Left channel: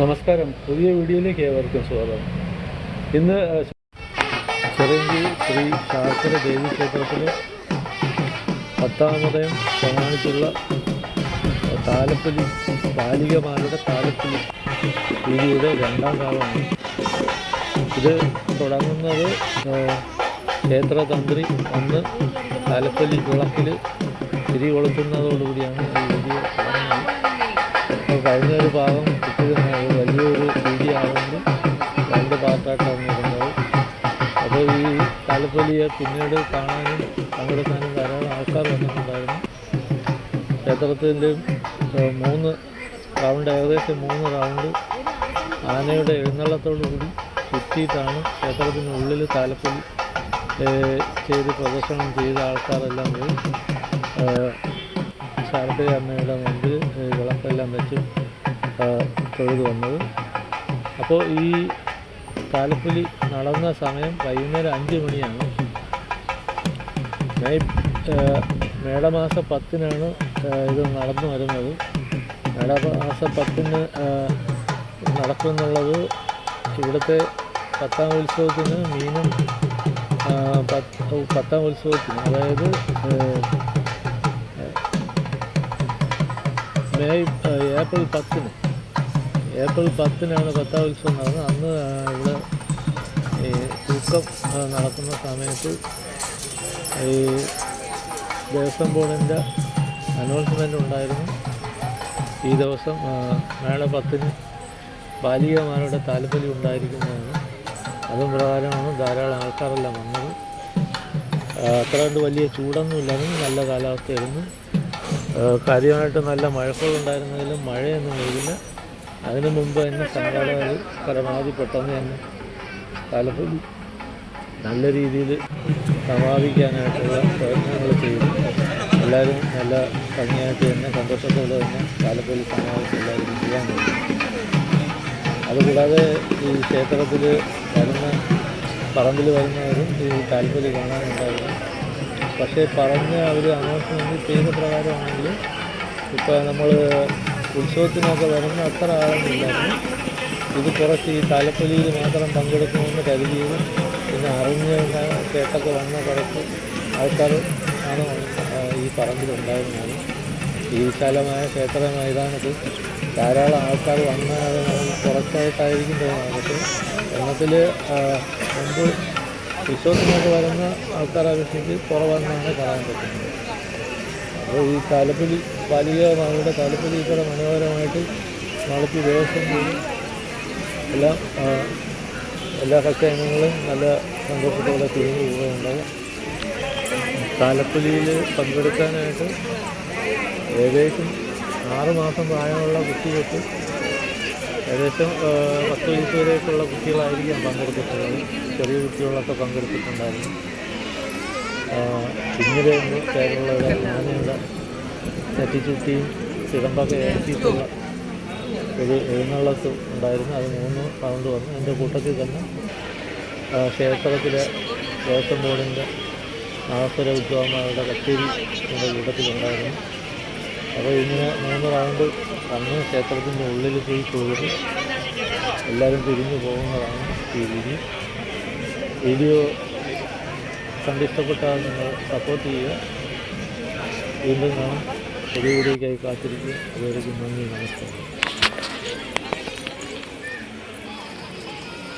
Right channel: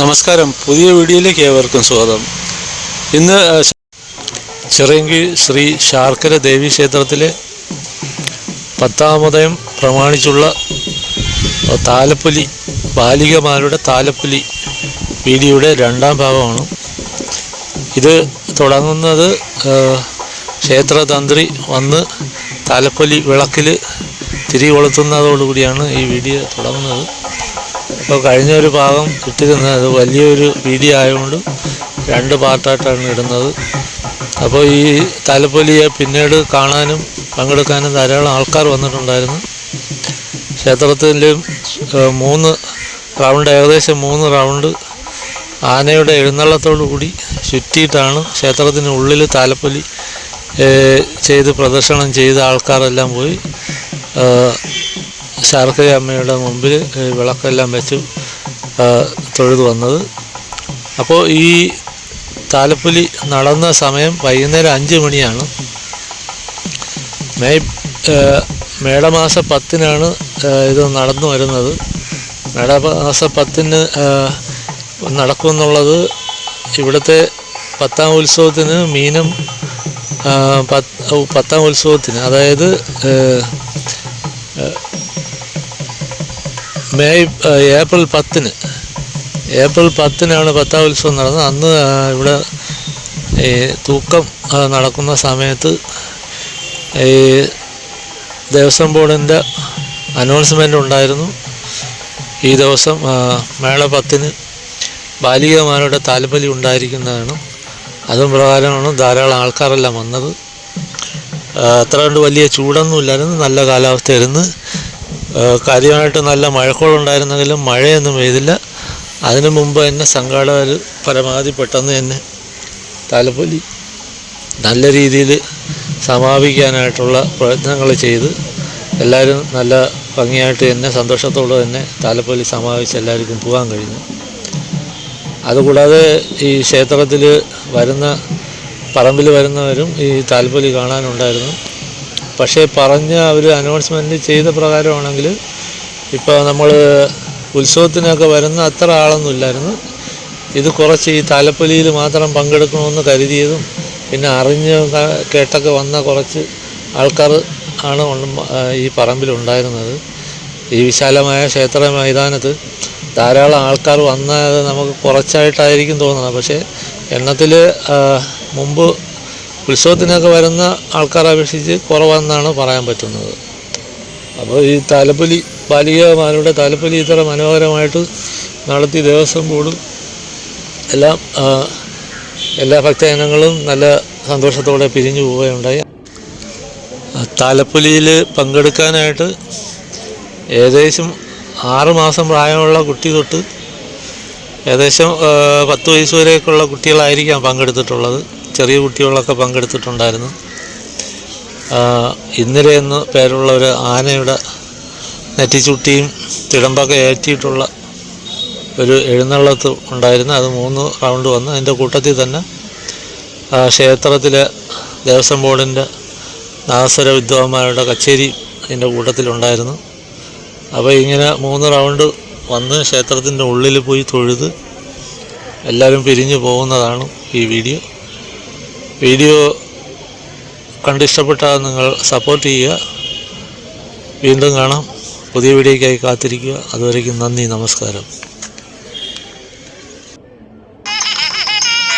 നമസ്കാരം. പുതിയ വീഡിയോയിലേക്ക് ഏവർക്കും സ്വാഗതം. ഇന്ന് ചിറങ്കി ശ്രീ ശാർക്കര ദേവി ക്ഷേത്രത്തിലെ പത്താമതയം പ്രമാണിച്ചുള്ള താലപ്പൊലി ബാലികമാരുടെ താലപ്പൊലി വീഡിയോയുടെ രണ്ടാം ഭാഗമാണ്. ഇത് തുടങ്ങുന്നത് ക്ഷേത്രതന്ത്രി വന്ന് താലപ്പൊലി വിളക്കിൽ തിരി കൊളുത്തുന്നതോടുകൂടിയാണ് ഈ വീഡിയോ തുടങ്ങുന്നത്. അപ്പോൾ കഴിഞ്ഞൊരു ഭാഗം ഇട്ടിരുന്നത് അത് വലിയൊരു വീതി ആയതുകൊണ്ട് രണ്ട് പാർട്ടായിട്ടാണ് ഇടുന്നത്. അപ്പോൾ ഈ താലപ്പൊലിയെ പിന്നീട് കാണാനും പങ്കെടുക്കാനും ധാരാളം ആൾക്കാർ വന്നിട്ടുണ്ടായിരുന്നു. ക്ഷേത്രത്തിലും മൂന്ന് റൗണ്ട് ഏകദേശം മൂന്ന് റൗണ്ട് ആനയുടെ എഴുന്നള്ളത്തോടു കൂടി ചുറ്റിയിട്ടാണ് ക്ഷേത്രത്തിന് ഉള്ളിൽ താലപ്പൊലി ചെയ്ത് പ്രദർശനം ചെയ്ത ആൾക്കാരെല്ലാം പോയി. ശാർക്കര അമ്മയുടെ മുമ്പിൽ വിളക്കെല്ലാം വെച്ച് തൊഴുതു വന്നത്. അപ്പോൾ ഈ താലപ്പൊലി നടന്ന സമയം വൈകുന്നേരം അഞ്ച് മണിയാണ്. മെയ് മേടമാസ പത്തിനാണ് ഇത് നടന്നു വരുന്നത്. മേടമാസ പത്തിന് നടക്കുമെന്നുള്ളത് ഇവിടുത്തെ പത്താം ഉത്സവത്തിന് മീനം പത്ത് ഉത്സവത്തിന് അതായത് മെയ് ഏപ്രിൽ പത്തിന്. ഏപ്രിൽ പത്തിനാണ് പത്താം ഉത്സവം നടന്നത്. അന്ന് ഇവിടെ ഈ തൂക്കം നടക്കുന്ന സമയത്ത് ഈ ദേവസ്വം ബോർഡിന്റെ അനൗൺസ്മെന്റ് ഉണ്ടായിരുന്നു. ഈ ദിവസം മേള പത്തിന് ബാലികമാരുടെ താലപ്പൊലി ഉണ്ടായിരിക്കുന്നതാണ്. അതും പ്രകാരമാണ് ധാരാളം ആൾക്കാരെല്ലാം വന്നത്. അത്ര കണ്ട് വലിയ ചൂടൊന്നും ഇല്ലായിരുന്നു. നല്ല കാലാവസ്ഥയായിരുന്നു. കാര്യമായിട്ട് നല്ല മഴക്കോളുണ്ടായിരുന്നെങ്കിലും മഴയൊന്നും പെയ്തില്ല. അതിനു മുമ്പ് തന്നെ സംഘാടകർ പരമാവധി പെട്ടെന്ന് തന്നെ താലപ്പൊലി നല്ല രീതിയിൽ സമാപിക്കാനായിട്ടുള്ള പ്രയത്നങ്ങൾ ചെയ്ത് എല്ലാവരും നല്ല ഭംഗിയായിട്ട് തന്നെ സന്തോഷത്തോടെ തന്നെ താലപ്പൊലി സമാപിച്ച് എല്ലാവർക്കും പോകാൻ കഴിയും. അതുകൂടാതെ ഈ ക്ഷേത്രത്തിൽ വരുന്ന പറമ്പിൽ വരുന്നവരും ഈ താൽപ്പൊലി കാണാനുണ്ടായിരുന്നു. പക്ഷേ പറഞ്ഞ ഒരു അനൗൺസ്മെന്റ് ചെയ്ത പ്രകാരമാണെങ്കിൽ ഇപ്പോൾ നമ്മൾ ഉത്സവത്തിനൊക്കെ വരുന്ന അത്ര ആളൊന്നും ഇല്ലായിരുന്നു. ഇത് കുറച്ച് ഈ താലപ്പൊലിയിൽ മാത്രം പങ്കെടുക്കണമെന്ന് കരുതിയതും പിന്നെ അറിഞ്ഞ് കേട്ടൊക്കെ വന്ന കുറച്ച് ആൾക്കാർ ആണ് ഈ പറമ്പിലുണ്ടായിരുന്നത്. ഈ വിശാലമായ ക്ഷേത്ര മൈതാനത്ത് ധാരാളം ആൾക്കാർ വന്നത് നമുക്ക് കുറച്ചായിട്ടായിരിക്കും തോന്നുന്നത്. പക്ഷേ എണ്ണത്തിൽ മുമ്പ് ഉത്സവത്തിനൊക്കെ വരുന്ന ആൾക്കാരെ അപേക്ഷിച്ച് കുറവെന്നാണ് പറയാൻ പറ്റുന്നത്. അപ്പോൾ ഈ താലപ്പൊലി ബാലികമാരുടെ താലപ്പൊലി ഇത്ര മനോഹരമായിട്ട് നടത്തി ദേവസ്വം ബോർഡും എല്ലാം എല്ലാ ഭക്തജനങ്ങളും നല്ല സന്തോഷത്തോടെ പിരിഞ്ഞു പോവുകയുണ്ടായി. താലപ്പൊലിയിൽ പങ്കെടുക്കാനായിട്ട് ഏകദേശം ആറ് മാസം പ്രായമുള്ള കുട്ടി തൊട്ട് ഏകദേശം പത്ത് വയസ്സ് വരെയൊക്കെയുള്ള കുട്ടികളായിരിക്കാം പങ്കെടുത്തിട്ടുള്ളത്. ചെറിയ കുട്ടികളൊക്കെ പങ്കെടുത്തിട്ടുണ്ടായിരുന്നു. ഇന്നലെ എന്ന് പേരുള്ള ഒരു ആനയുടെ നെറ്റിച്ചുട്ടിയും തിടമ്പൊക്കെ ഏറ്റിയിട്ടുള്ള ഒരു എഴുന്നള്ളത്ത് ഉണ്ടായിരുന്നു. അത് മൂന്ന് റൗണ്ട് വന്ന്. അതിന്റെ കൂട്ടത്തിൽ തന്നെ ക്ഷേത്രത്തിലെ ദേവസ്വം ബോർഡിന്റെ നാസര വിദ്വാന്മാരുടെ കച്ചേരി ഇതിന്റെ കൂട്ടത്തിലുണ്ടായിരുന്നു. അപ്പോൾ ഇങ്ങനെ മൂന്ന് റൗണ്ട് വന്ന് ക്ഷേത്രത്തിന്റെ ഉള്ളിൽ പോയി തൊഴുത് എല്ലാവരും പിരിഞ്ഞു പോകുന്നതാണ് ഈ വീഡിയോ. വീഡിയോ കണ്ടിഷ്ടപ്പെട്ടാൽ നിങ്ങൾ സപ്പോർട്ട് ചെയ്യുക. വീണ്ടും കാണാം. പുതിയ വീഡിയോയ്ക്കായി കാത്തിരിക്കുക. അതുവരേക്കും നന്ദി നമസ്കാരം.